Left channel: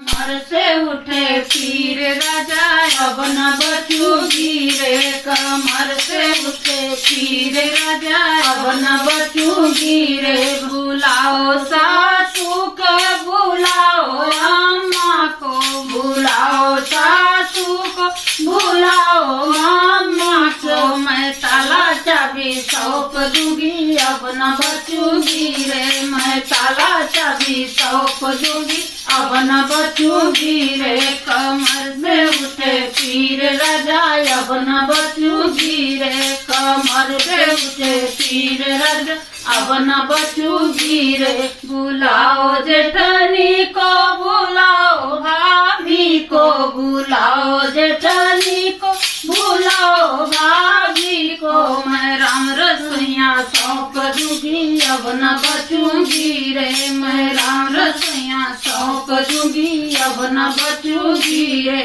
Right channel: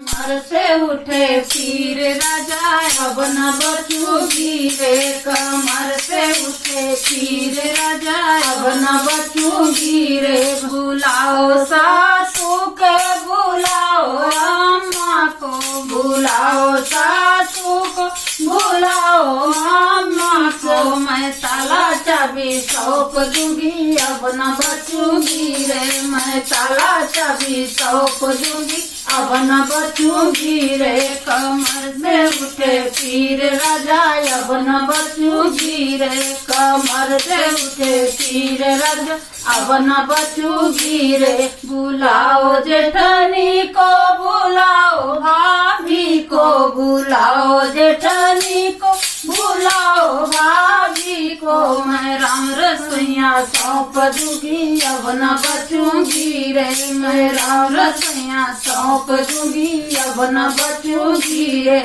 कमर से उठे पीर राजा अब न बचूंगी रे। कमर से उठे पीर राजा अब न बचूंगी रे। बुलाओ सासू को बुलाओ अम्मा को बुलाओ सासू को बुलाओ अम्मा को। मैं ताला चाबी सौंप दूंगी अब न बचूंगी रे। मैं ताला चाबी सौंप दूंगी अब न बचूंगी रे। कमर से उठे पीर राजा अब न बचूंगी रे। कमर से उठे पीर राजा अब न बचूंगी रे। बुलाओ जेठानी को बुलाओ भाभी को बुलाओ जेठानी को बुलाओ भाभी को। मैं राम रसोइया सौंप दूंगी अब न बचूंगी रे। मैं राम रसोइया सौंप दूंगी अब न बचूंगी रे।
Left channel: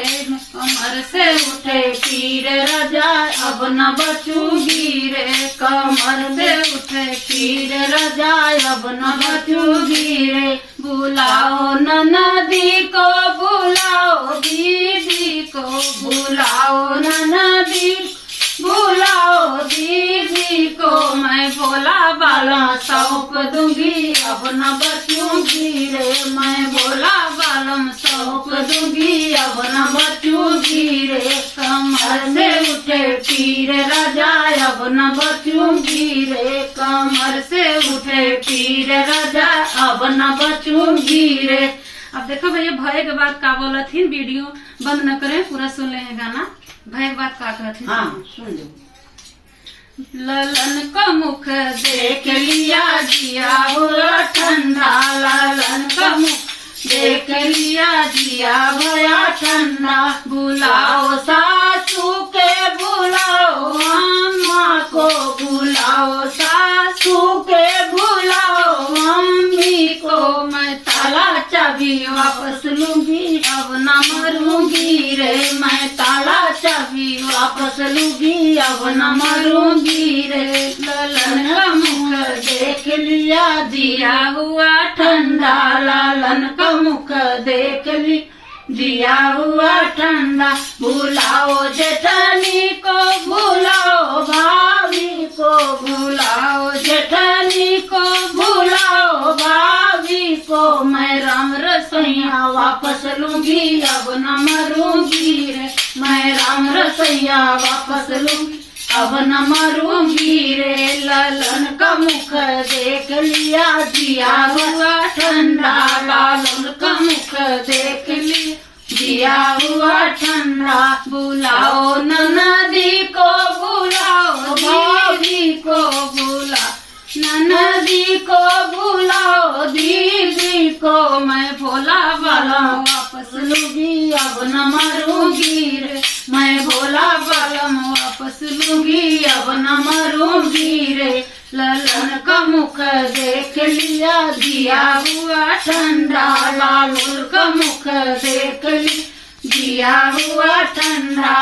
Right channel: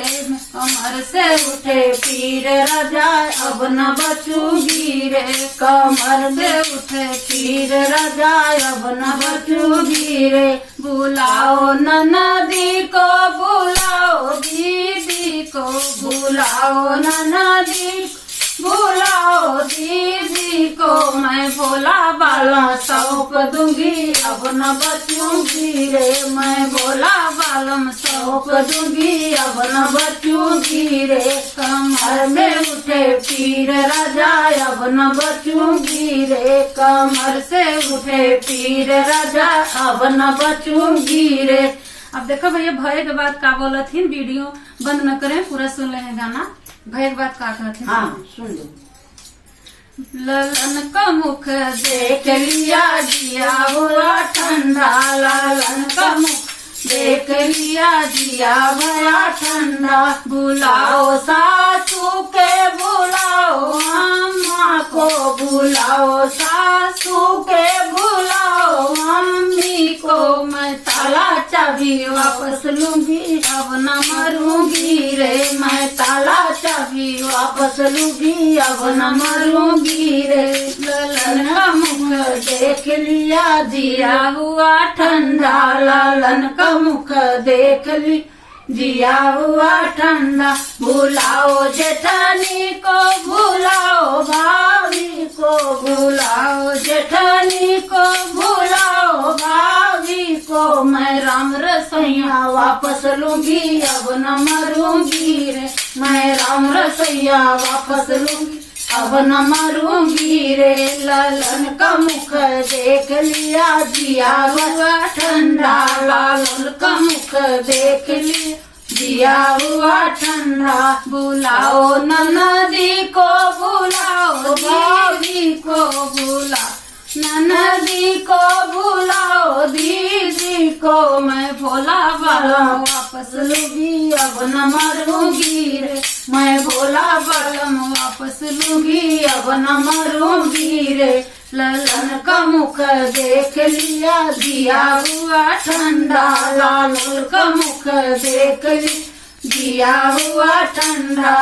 कमर से उठे पीर राजा अब न बचूंगी रे। कमर से उठे पीर राजा अब न बचूंगी रे। बुलाओ ननदी को बुलाओ दीदी को बुलाओ ननदी बुलाओ दीदी को। मैं भोला बाला सौंप दूंगी अब न बचूंगी रे। मैं भोला बालम सौंप दूंगी अब न बचूंगी रे। कमर से उठे पीर राजा अब न बचूंगी रे। कमर से उठे पीर राजा अब न बचूंगी रे। अब देखो भैया भय के बाद का बोलथिन, वीडियो बंद न करें, पूरा सुन ले गाना। भय के बाद का कहथिन? हाँ सुन लो। ललन का मुख देख लिया दिया हुआ ठंडा। ललन का मुख देख लिया दिया हुआ ठंडा। बुलाओ सासू के बुलाओ अम्मा को बुलाओ सासू के बुलाओ मम्मी को। मैं ताला चाबी वापस लूंगी अब न मरूंगी रे। मैं ताला चाबी वापस लूंगी अब न मरूंगी रे। ललन का मुख देख लिया दिया हुआ ठंडा। ललन का मुख देख ली दिया हुआ ठंडा। बुलाओ जेठानी को बुलाओ भाभी को बुलाओ जेठानी को बुलाओ भाभी को। मैं राम रसोइया वापस लूंगी अब न मरूंगी रे। मैं राम रसोइया वापस लूंगी अब न मरूंगी रे। ललन का मुख देख लिया दिया हुआ ठंडा। ललन का मुख देख लिया दिया हुआ ठंडा। बुलाओ ननदी को बुलाओ भाभी को बुलाओ ननदी को बुलाओ दीदी को। मैं भोला बाला वापस लूंगी अब न मरूंगी रे। मैं भोला बालम वापस लूंगी अब न मरूंगी रे। ललन का मुख देख लिया दिया हुआ ठंडा। ललन का मुख देख लिया दिया हुआ ठंडा।